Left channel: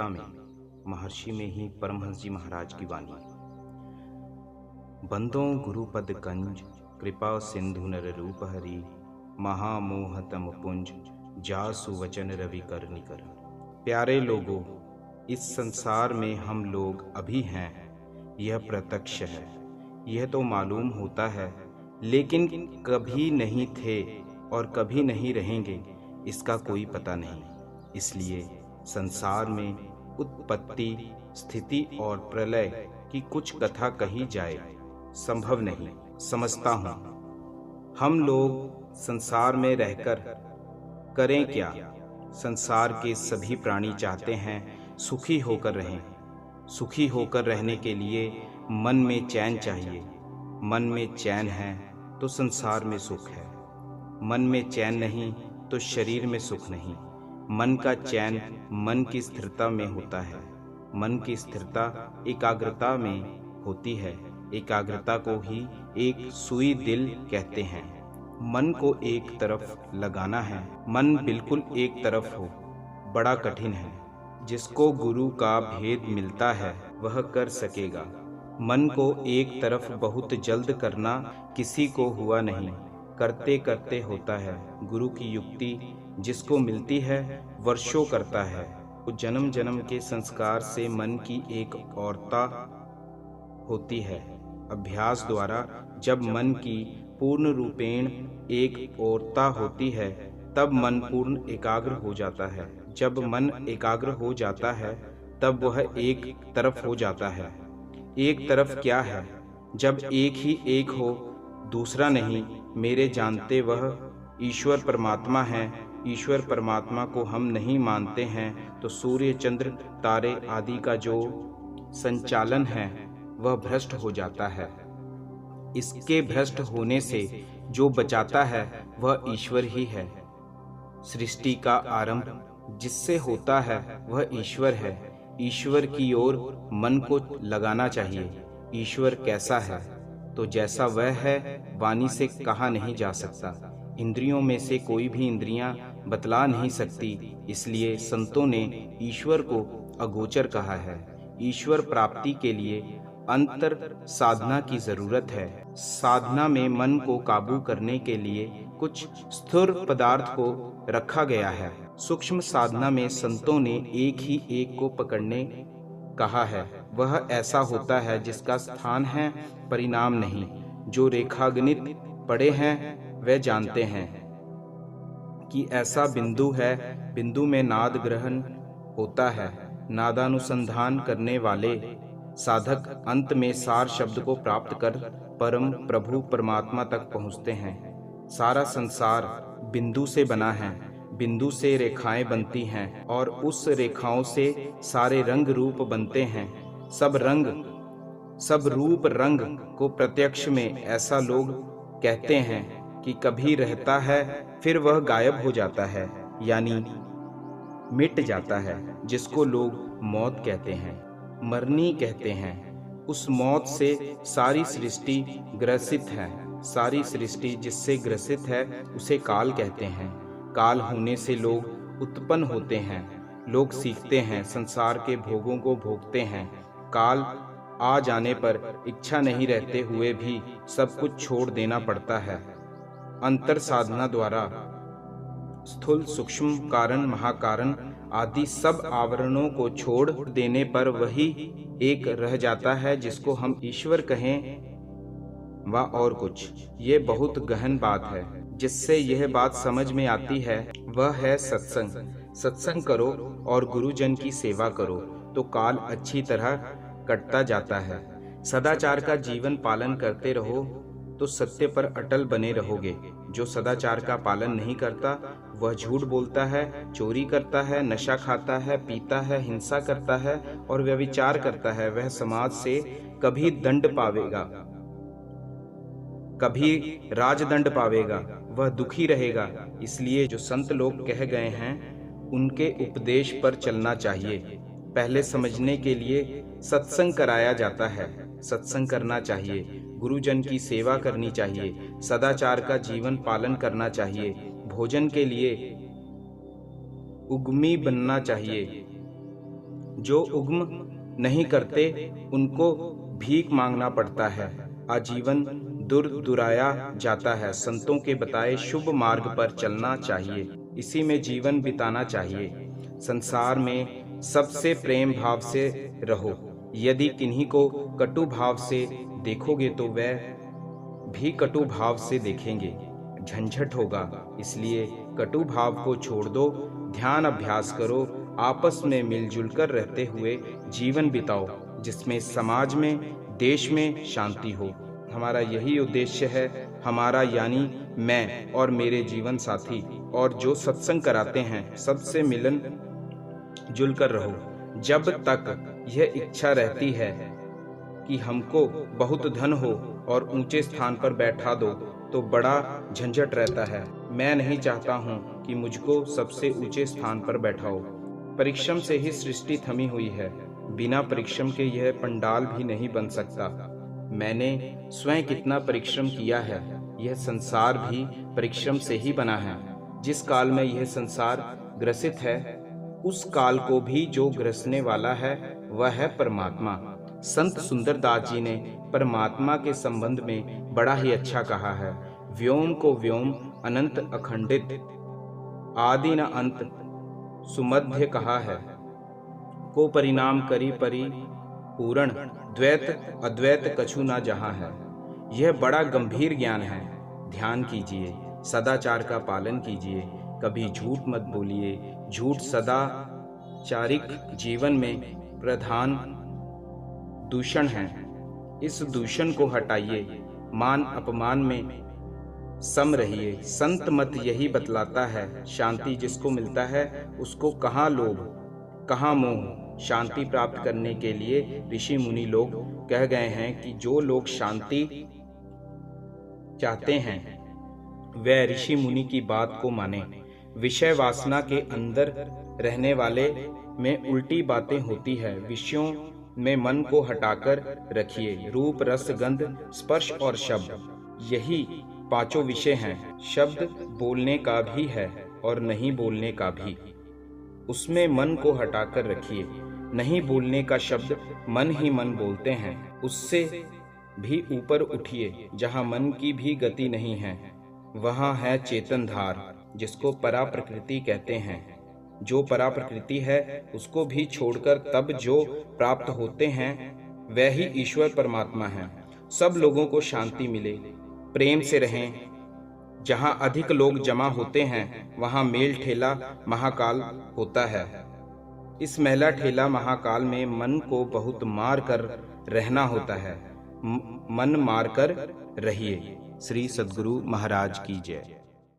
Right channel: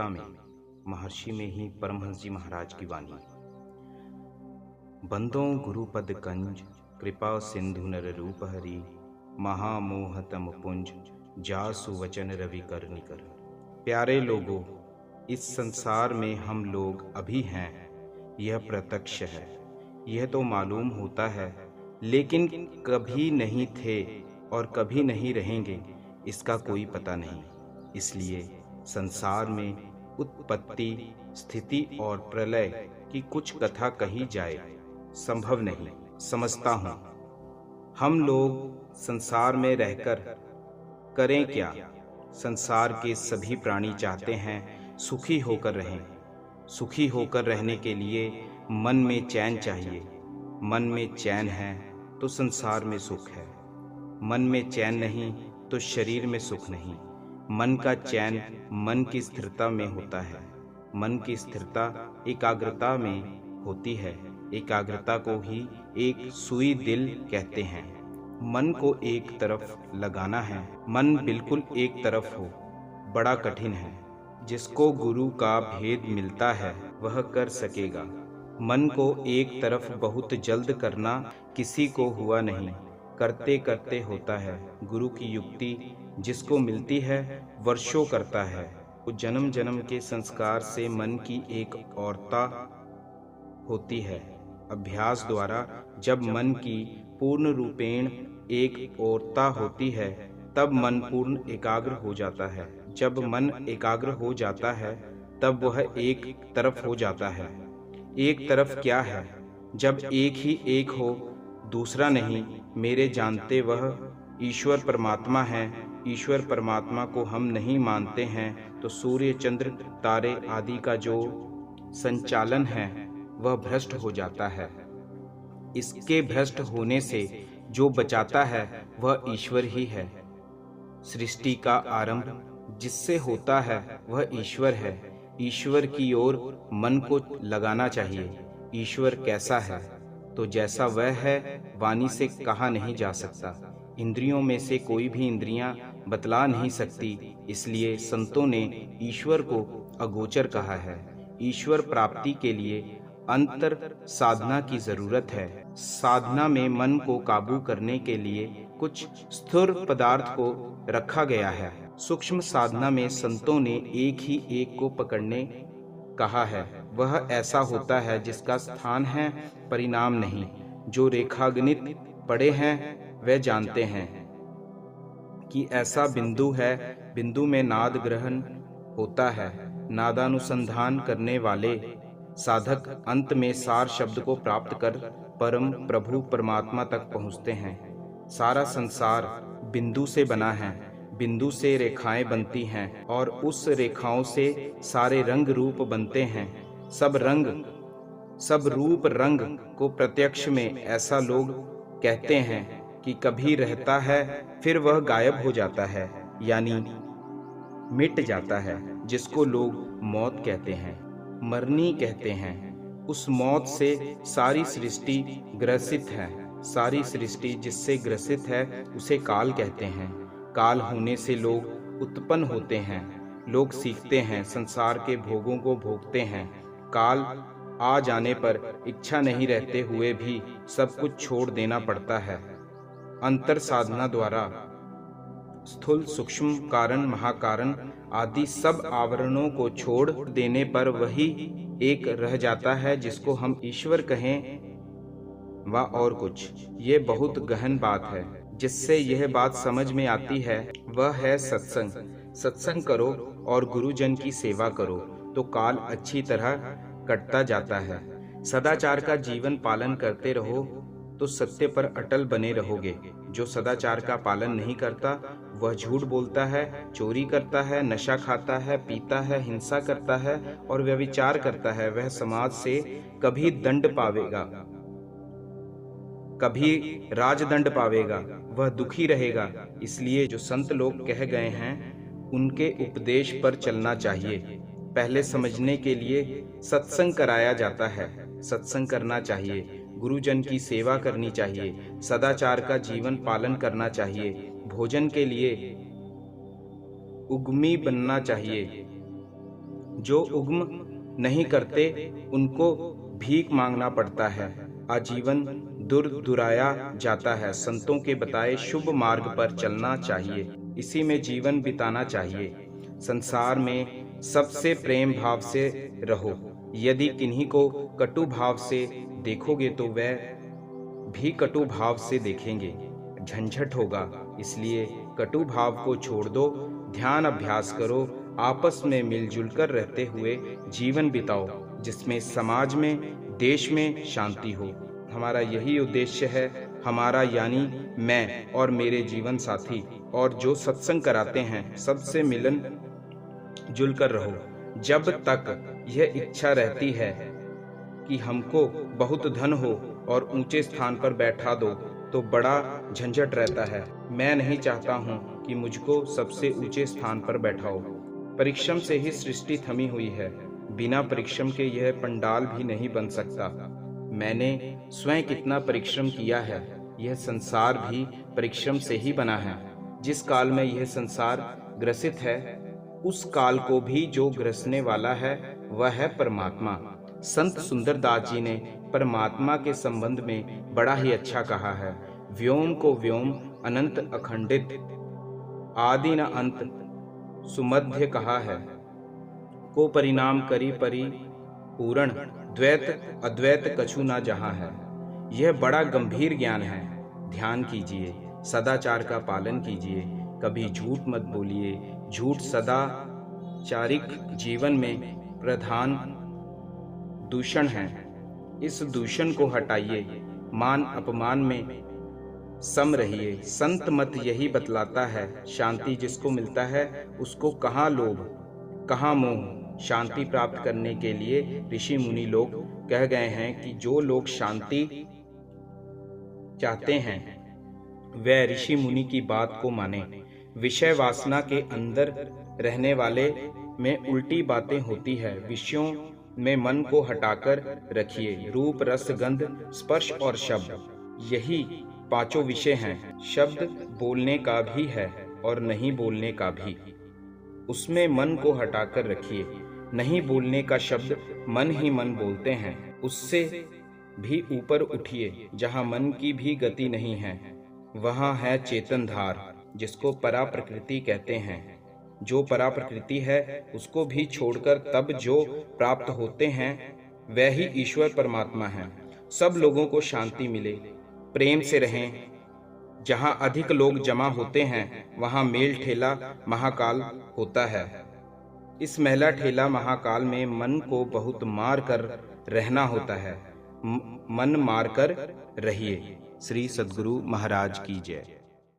गीता में, महर्षि में ही परमहंस जी महाराज की वाणी। बंदों गुरुपद कंज, कृपा सिंधु नर रूप हरि, महामोहतम पुंज, जासु वचन रवि कर निकर। प्यारे लोगों, इस संसार में हम लोग अभी हैं, यह प्रत्यक्ष है। यह तो मालूम होता है, लेकिन कभी नहीं थे और कभी नहीं रहेंगे, इसका कोई पता नहीं। इसलिए संसार में उत्पत्ति, स्थिति और प्रलय की कुछ कथा कही जाए संभव नहीं समझता हूँ। हम लोग संसार में रहकर करें क्या? संसार के सभी प्राणी चाहते हैं सुखी होकर रहें। सुखी होकर रहने के लिए मन में चैन चाहिए। मन में चैन है तो संसार में सुख है। मन में चैन नहीं तो शरीर में सुख नहीं। मन का चैन मन की स्थिरता में होता है। मन की स्थिरता एकाग्रता में होती है। एकाग्रता को ही एक सुई दिल कहते हैं। मन को एक तरफ लगाना है। मन बिल्कुल एक तरफ हो, बड़ा कठिन है। जिसको गुरु का भेद मिलता है वह कर सकेगा। मन को एक तरफ बहुत जल्द करना किसी को हुआ नहीं, करते करते होता है। गुरु की युक्ति जिसको मिलती है वर्षों करता है। वो जन्म जन्म के संस्कार से मन की एक औरता होती है। अभ्यास द्वारा जब मन की पूर्ण रूपेण एक औरता होती है तब मन पूर्ण एकाग्र हो जाता है। जब मन एकाग्र हो जाता है तब वह एक तरफ हो जाता है। एक तरफ क्या है? जब एक ही एक हो, दूसरा नहीं। मेरे जानते वह ईश्वर परमात्मा है। ईश्वर परमात्मा को हम नहीं मानते हैं तो सूर्य, चंद्र, तारे आदि का जो संचालन है वह भ्रष्ट हो जाता है। इसके भ्रष्ट होने से जो बचाता है वह ईश्वर ही है। सृष्टि का आरंभ जिससे होता है वह ईश्वर है। ईश्वर की ओर मन को लगाना चाहिए। ईश्वर कैसा है तो जैसा वह है, वाणी से कहा नहीं जा सकता। इंद्रियों में से कोई भी इंद्रियां बतला नहीं सकती। इसलिए संतों ने ईश्वर को अगोचर कहा है। ईश्वर प्राप्ति के लिए अंतर साधना की जरूरत है। साधना में मन को काबू करने के लिए कुछ स्थिर पदार्थ को रखा गया है। सूक्ष्म साधना में संतों ने एक ही एक को पकड़ने कहा है। वह ऐसा होता है जिसका स्थान है, परिणाम नहीं। जो रेखागणित पढ़े हैं वे जानते हैं कि ऐसा बिंदु है। बिंदु में नाद ग्रहण होता है। नादानुसंधान करने वाले साधक अंत में सार शब्द को प्राप्त कर परम प्रभु परमात्मा तक पहुँचते हैं। सारा संसार बिंदु से बना है। बिंदु से रेखाएं बनती हैं और उस रेखाओं से सारे रंग रूप बनते हैं। सब रूप रंग को प्रत्यक्ष में ऐसा लोग कहते हैं कि कभी रहता है फिर वह गायब हो जाता है, यानी मिट जाता है, जिसको लोग मौत कहते हैं, मरनी कहते हैं। उस मौत से सारी सृष्टि ग्रसित है। सारी सृष्टि जिससे ग्रसित है उसे काल कहते हैं। काल होने से लोग उत्पन्न होते हैं। लोग सीखते हैं, संसार के भोगों को भोगते हैं। काल आ जाने पर इच्छा नहीं रहते हुए भी सब कुछ छोड़ देना पड़ता है। अंतर साधना द्वारा स्थूल, सूक्ष्म, कारण, महाकारण आदि सब आवरणों को छोड़ देने पर वही एक रह जाता है जिसको हम ईश्वर कहें व और कुछ। ये बहुत गहन बात है। जिससे यह बात समझ में आती है वह है सत्संग। सत्संग करो और गुरुजन की सेवा करो तो काल अच्छी तरह कटता जाता है। सदाचार का जीवन पालन करते रहो तो सत्य पर अटल बने रहोगे। जो सदाचार का पालन नहीं करता वह झूठ बोलता है, चोरी करता है, नशा खाता है, पीता है, हिंसा करता है और व्यभिचार करता है। वह समाज से कभी दंड पावेगा, कभी राजदंड पावेगा, वह दुखी रहेगा। इसलिए जो संत लोग कह गए हैं उनके उपदेश पर चलना चाहिए। पहले समझने के लिए सत्संग कराया जाता है। सत्संग करना चाहिए, गुरुजन की सेवा करनी चाहिए, सदाचार का जीवन पालन करना चाहिए, भोजन के लिए उद्यमी बनना चाहिए। जो उद्यम नहीं करते उनको भीख मांगना पड़ता है। आजीवन दुराया जाता है। संतों के बताए शुभ मार्ग पर चलना चाहिए, इसी में जीवन बिताना चाहिए। संसार में सबसे प्रेम भाव से रहो। यदि किन्हीं को कटु भाव से देखोगे तो वह भी कटु भाव से देखेंगे, झंझट होगा। इसलिए कटु भाव को छोड़ दो, ध्यान अभ्यास करो, आपस में मिलजुल कर रहते हुए जीवन बिताओ, जिसमें समाज में, देश में शांति हो। हमारा यही उद्देश्य है, हमारा यानी मैं और मेरे जीवन साथी और जो सत्संग कराते हैं, सबसे मिलन जुल कर रहो। जब तक यह इच्छा रहती है कि हमको बहुत धन हो और ऊंचे स्थान पर बैठा दो तो बड़ा झंझट रहता है। मैं नहीं चाहता हूं कि मुझको सबसे ऊंचे स्थान पर बैठाओ। परिश्रम से ही सृष्टि थमी हुई है, बिना परिश्रम के यह पंडाल भी नहीं बन सकता। मैंने स्वयं कितना परिश्रम किया है, यह संसार भी परिश्रम से ही बना है। जिस काल में यह संसार ग्रसित है, उस काल को भी जो ग्रसने वाला है वह है परमात्मा। संत सुंदरदास जी ने परमात्मा के संबंध में बड़ा ही अच्छा कहा है। व्योम को व्योम अनंत अखंडित, आदि न अंत सुमध्य कहा है। को परिणाम करी परि पूरण, द्वैत अद्वैत कछु ना जहाँ है। यह बड़ा गंभीर ज्ञान है। ध्यान कीजिए, सदाचार का पालन कीजिए, कभी झूठ मत बोलिए। झूठ सदाचारिक जीवन में प्रधान दूषण है। इस दूषण को हटाइए, मान अपमान में सम रहिए। संत मत यही बतलाता है, शांति जिसको मिलता है उसको कहाँ लोभ कहाँ मोह। शांति प्राप्त करने के लिए ऋषि मुनि लोग कह गए हैं कि जो लोग शांति चाहते हैं वह ऋषि मुनि की बात को माने। विषय वासना के अंदर रहने वाले में उल्टी बातें होती है। विषयों में मन को हटाकर रखिए। रूप, रस, गंध, स्पर्श और शब्द, यही पांचों विषय हैं। शब्द बोलने का भी है और नहीं बोलने का भी, उसमें मन को हटाकर रखिए। नहीं बोलने का शब्द मन ही मन बोलते हैं, उससे भी ऊपर उठिए। जहाँ मन की भी गति नहीं है वहाँ है चेतन धार, जिसको परा प्रकृति कहते हैं। जो परा प्रकृति है उसको भी छोड़कर तब जो प्राप्त होते हैं वह ही ईश्वर परमात्मा है। सब लोगों को शांति मिले, प्रेम से रहें। जहाँ अधिक लोग जमा होते हैं वहाँ मेल ठेला महाकाल होता है। इस मेला ठेला महाकाल में मन को बहुत मार कर रहना होता है। मन मार कर रहिए। श्री सद्गुरु महाराज की जय।